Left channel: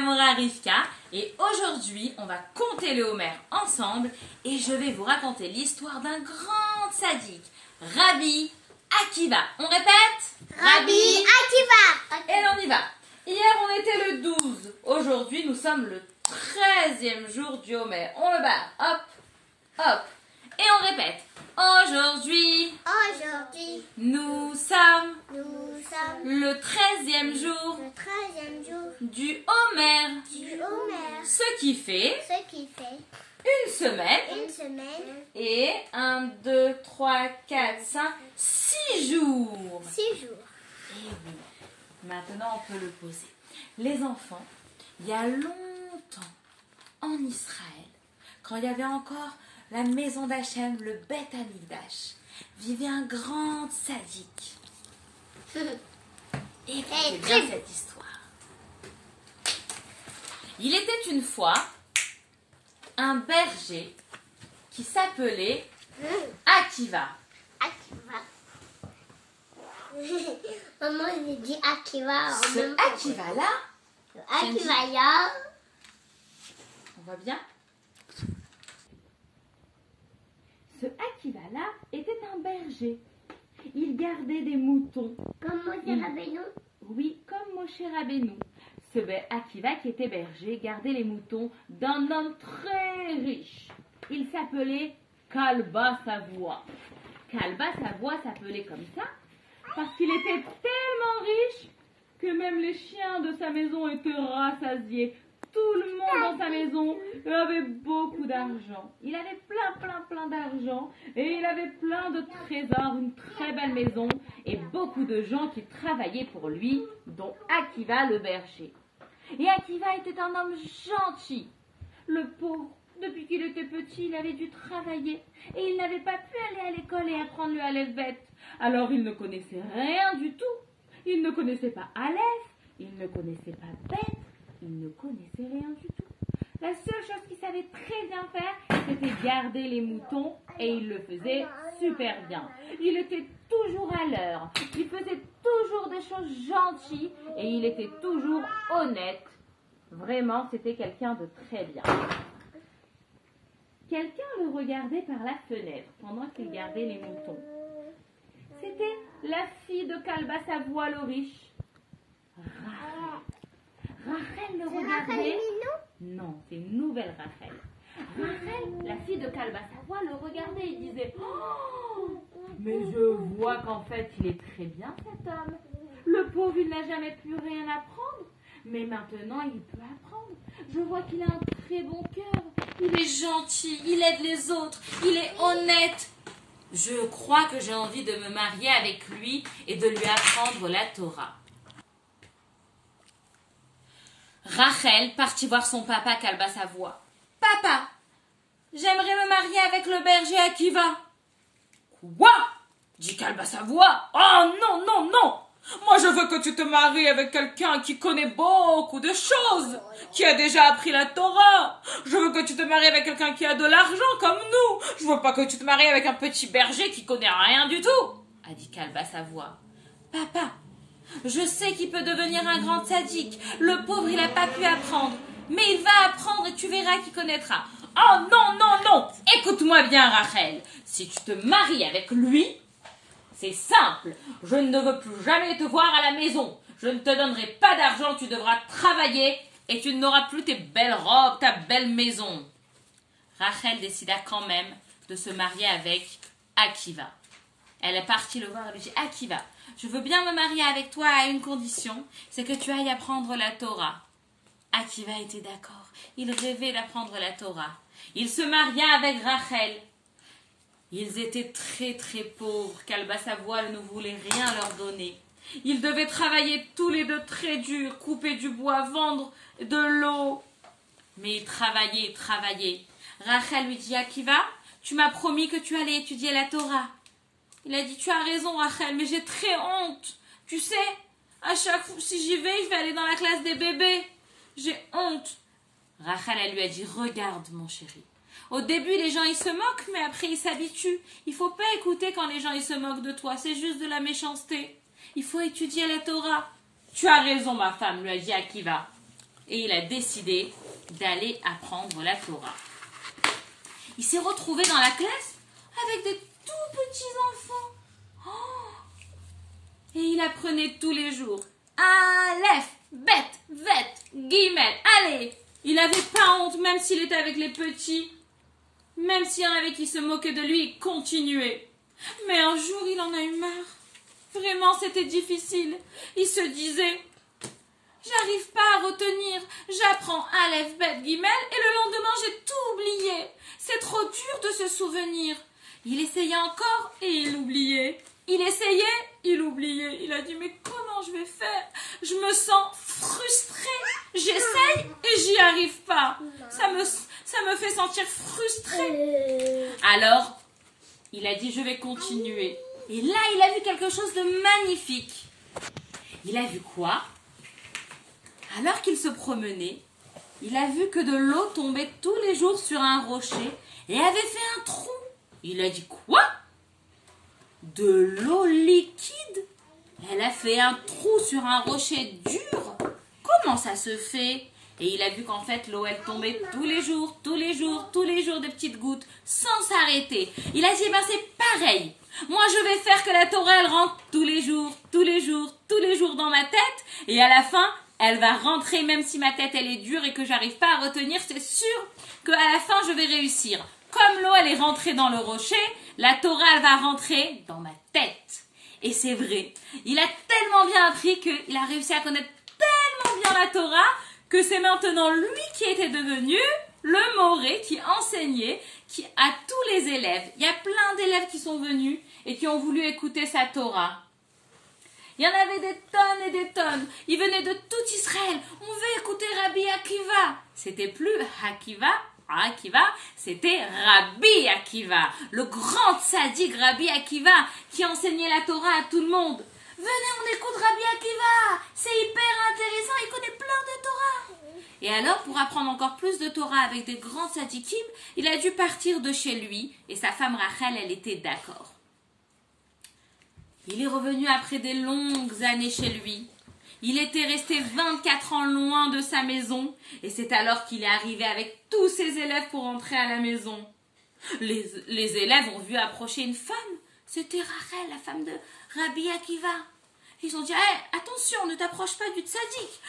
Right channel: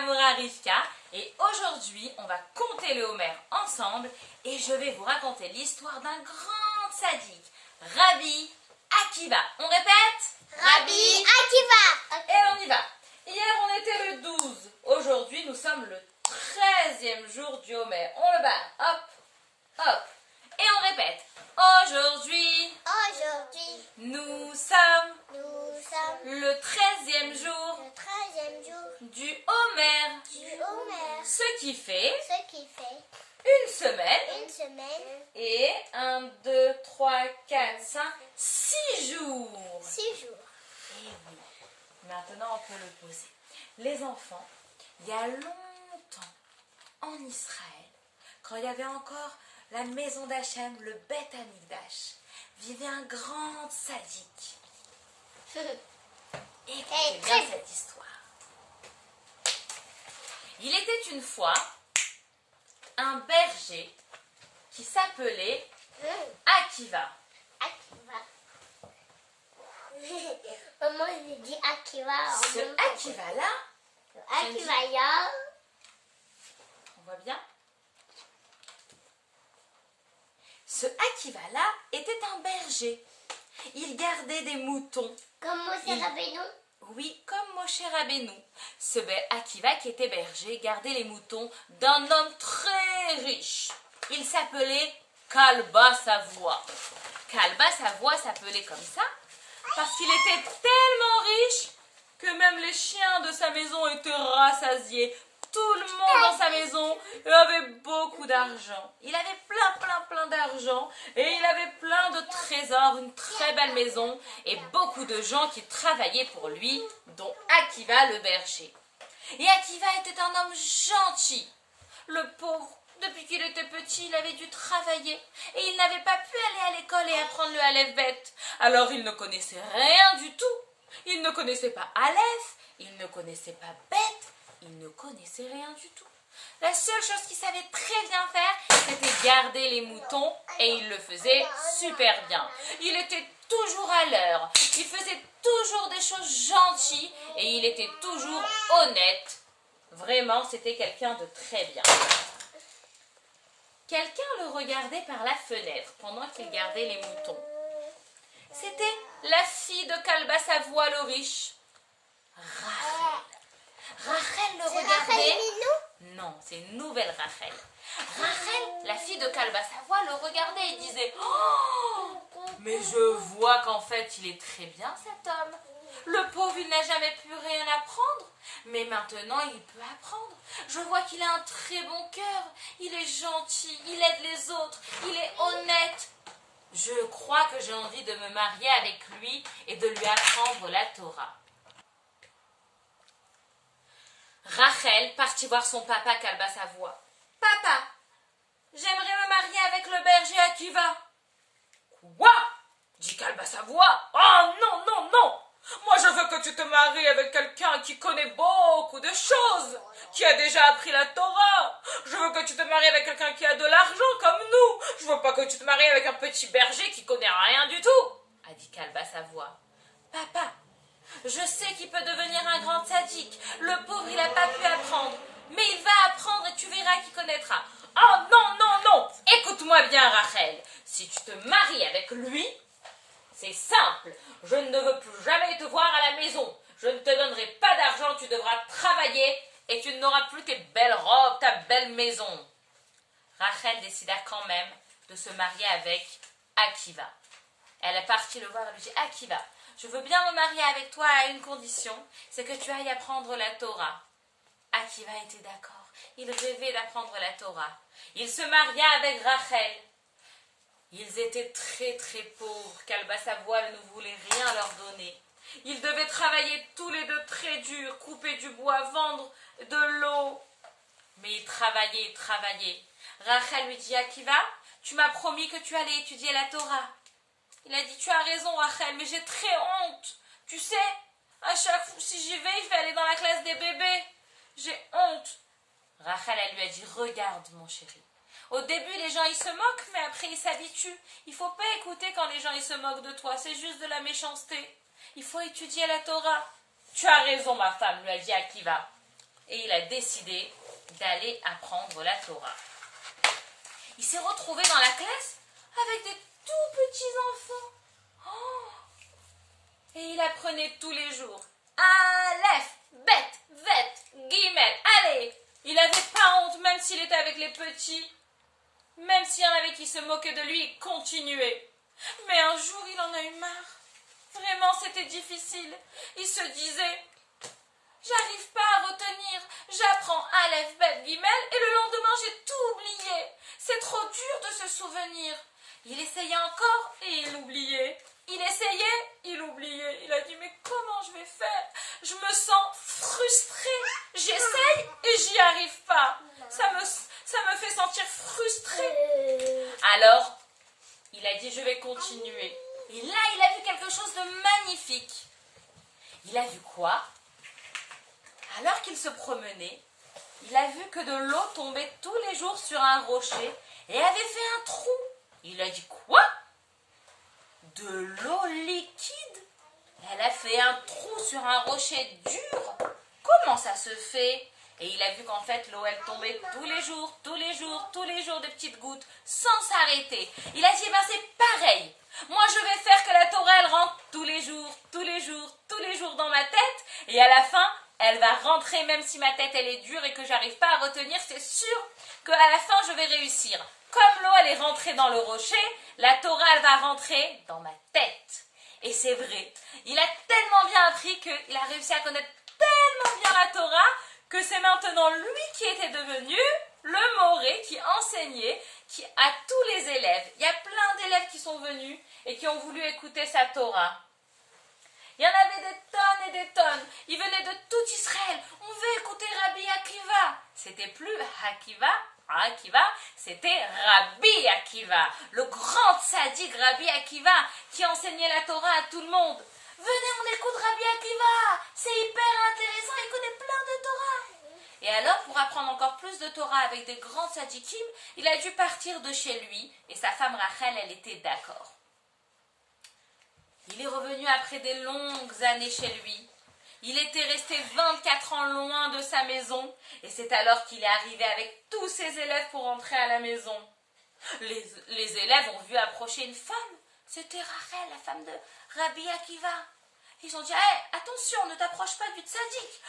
Moura Rivka et aujourd'hui on va compter le Homer ensemble et je vais vous raconter l'histoire d'un grand sadique, Rabbi Akiva. On répète? Rabbi Akiva. Et on y va. Hier on était le 12, aujourd'hui nous sommes le 13e jour du Homer. On le barre, hop, hop, et on répète. Aujourd'hui, nous sommes le 13e jour du Homer. Ce qui fait une semaine et 1, 2, 3, 4, 5, 6 jours. 6 jours. Et oui, maintenant on peut le poser. Les enfants, il y a longtemps en Israël, quand il y avait encore la maison d'Hachem, le Beth Amikdash, vivait un grand sadique. Écoutez bien cette histoire. Il était une fois un berger qui s'appelait Akiva. Maman, j'ai dit Akiva. Ce Akiva-là, Akiva, on voit bien? Ce Akiva-là était un berger. Il gardait des moutons. Comme Moshe Rabbeinu. Oui, comme Moshe Rabbeinu. Ce Akiva qui était berger gardait les moutons d'un homme très riche. Il s'appelait Kalba Savoie. Kalba Savoie s'appelait comme ça parce qu'il était tellement riche que même les chiens de sa maison étaient rassasiés. Tout le monde dans sa maison avait beaucoup d'argent. Il avait plein d'argent et il avait plein de trésors, une très belle maison et beaucoup de gens qui travaillaient pour lui, dont Akiva le berger. Et Akiva était un homme gentil. Le pauvre, depuis qu'il était petit, il avait dû travailler et il n'avait pas pu aller à l'école et apprendre le Aleph Bet. Alors il ne connaissait rien du tout. Il ne connaissait pas Aleph, il ne connaissait pas Bet. Il ne connaissait rien du tout. La seule chose qu'il savait très bien faire, c'était garder les moutons et il le faisait super bien. Il était toujours à l'heure, il faisait toujours des choses gentilles et il était toujours honnête. Vraiment, c'était quelqu'un de très bien. Quelqu'un le regardait par la fenêtre pendant qu'il gardait les moutons. C'était la fille de Kalba Savoie le riche, Rachel. Rachel le regardait. Non, c'est une nouvelle Rachel. Rachel, la fille de Kalba Savoie, le regardait et disait: oh, mais je vois qu'en fait, il est très bien cet homme. Le pauvre, il n'a jamais pu rien apprendre. Mais maintenant, il peut apprendre. Je vois qu'il a un très bon cœur. Il est gentil, il aide les autres, il est honnête. Je crois que j'ai envie de me marier avec lui et de lui apprendre la Torah. Rachel partit voir son papa Kalba Savoie. « Papa, j'aimerais me marier avec le berger Akiva. »« Quoi ?» dit Kalba Savoie. « Oh non, non, non. Moi je veux que tu te maries avec quelqu'un qui connaît beaucoup de choses, qui a déjà appris la Torah. Je veux que tu te maries avec quelqu'un qui a de l'argent comme nous. Je veux pas que tu te maries avec un petit berger qui connaît rien du tout, a dit Kalba Savoie. « Papa, je sais qu'il peut devenir un grand sadique. Le pauvre, il n'a pas pu apprendre. Mais il va apprendre et tu verras qu'il connaîtra. »« Oh non, non, non. Écoute-moi bien, Rachel. Si tu te maries avec lui, c'est simple. Je ne veux plus jamais te voir à la maison. Je ne te donnerai pas d'argent. Tu devras travailler et tu n'auras plus tes belles robes, ta belle maison. » Rachel décida quand même de se marier avec Akiva. Elle est partie le voir et lui dit: « Akiva, je veux bien me marier avec toi à une condition, c'est que tu ailles apprendre la Torah. » Akiva était d'accord. Il rêvait d'apprendre la Torah. Il se maria avec Rachel. Ils étaient très pauvres. Kalba Savoie ne voulait rien leur donner. Ils devaient travailler tous les deux très dur, couper du bois, vendre de l'eau. Mais ils travaillaient. Rachel lui dit: « Akiva, tu m'as promis que tu allais étudier la Torah. » Il a dit: « Tu as raison, Rachel, mais j'ai très honte. Tu sais, à chaque fois, si j'y vais, je vais aller dans la classe des bébés. J'ai honte. » Rachel, elle lui a dit: « Regarde, mon chéri. Au début, les gens, ils se moquent, mais après, ils s'habituent. Il faut pas écouter quand les gens, ils se moquent de toi. C'est juste de la méchanceté. Il faut étudier la Torah. » « Tu as raison, ma femme, lui a dit Akiva. et il a décidé d'aller apprendre la Torah. Il s'est retrouvé dans la classe avec des tout petits enfants. Oh, et il apprenait tous les jours. Aleph, Bet, Vet, Gimel, allez. Il n'avait pas honte, même s'il était avec les petits. Même s'il y en avait qui se moquaient de lui, il continuait. Mais un jour, il en a eu marre. Vraiment, c'était difficile. Il se disait, j'arrive pas à retenir. J'apprends Aleph, Bet, Gimel et le lendemain, j'ai tout oublié. C'est trop dur de se souvenir. Il essayait encore et il oubliait. Il essayait, il oubliait. Il a dit, mais comment je vais faire? Je me sens frustrée. J'essaye et j'y arrive pas. Ça me fait sentir frustrée. Alors, il a dit, je vais continuer. Et là, il a vu quelque chose de magnifique. Il a vu quoi? Alors qu'il se promenait, il a vu que de l'eau tombait tous les jours sur un rocher et avait fait un trou. Il a dit, quoi? De l'eau liquide? Elle a fait un trou sur un rocher dur? Comment ça se fait? Et il a vu qu'en fait, l'eau, elle tombait tous les jours, tous les jours, tous les jours, de petites gouttes, sans s'arrêter. Il a dit, eh ben c'est pareil. Moi, je vais faire que la Torah, elle rentre tous les jours, tous les jours, tous les jours dans ma tête. Et à la fin, elle va rentrer, même si ma tête, elle est dure et que j'arrive pas à retenir. C'est sûr qu'à la fin, je vais réussir. Comme l'eau, elle est rentrée dans le rocher, la Torah, elle va rentrer dans ma tête. Et c'est vrai. Il a tellement bien appris qu'il a réussi à connaître tellement bien la Torah que c'est maintenant lui qui était devenu le moré qui enseignait à tous les élèves. Il y a plein d'élèves qui sont venus et qui ont voulu écouter sa Torah. Il y en avait des tonnes et des tonnes. Ils venaient de tout Israël. On veut écouter Rabbi Akiva. C'était plus Akiva, c'était Rabbi Akiva, le grand tzaddik Rabbi Akiva qui enseignait la Torah à tout le monde. Venez, on écoute Rabbi Akiva, c'est hyper intéressant, il connaît plein de Torah. Et alors, pour apprendre encore plus de Torah avec des grands tzaddikim, il a dû partir de chez lui et sa femme Rachel, elle était d'accord. Il est revenu après des longues années chez lui. Il était resté 24 ans loin de sa maison et c'est alors qu'il est arrivé avec tous ses élèves pour entrer à la maison. Les élèves ont vu approcher une femme. C'était Rachel, la femme de Rabbi Akiva. Ils ont dit, hey, attention, ne t'approche pas du tzaddik.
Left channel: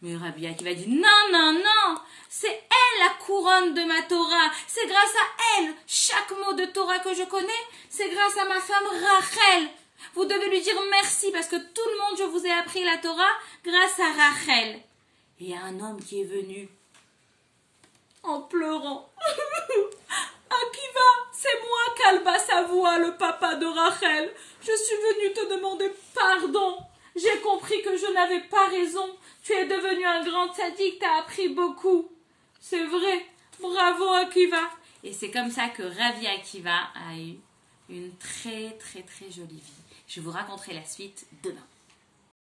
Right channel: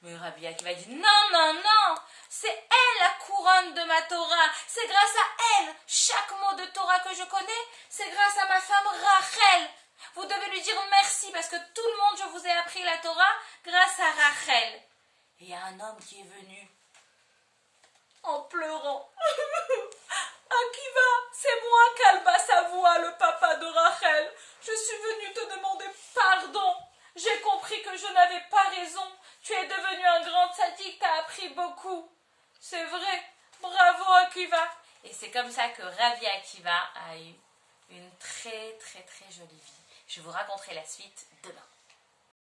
Mais Rabbi Akiva dit, non, non, non, c'est elle la couronne de ma Torah. C'est grâce à elle, chaque mot de Torah que je connais, c'est grâce à ma femme Rachel. Vous devez lui dire merci parce que tout le monde, je vous ai appris la Torah grâce à Rachel. Et il y a un homme qui est venu en pleurant. Akiva, c'est moi, Kalba Savoie, le papa de Rachel. Je suis venu te demander pardon. J'ai compris que je n'avais pas raison. Tu es devenu un grand tzaddik, tu as appris beaucoup. C'est vrai. Bravo, Akiva. Et c'est comme ça que Rabbi Akiva a eu une très, très, très jolie vie. Je vous raconterai la suite demain.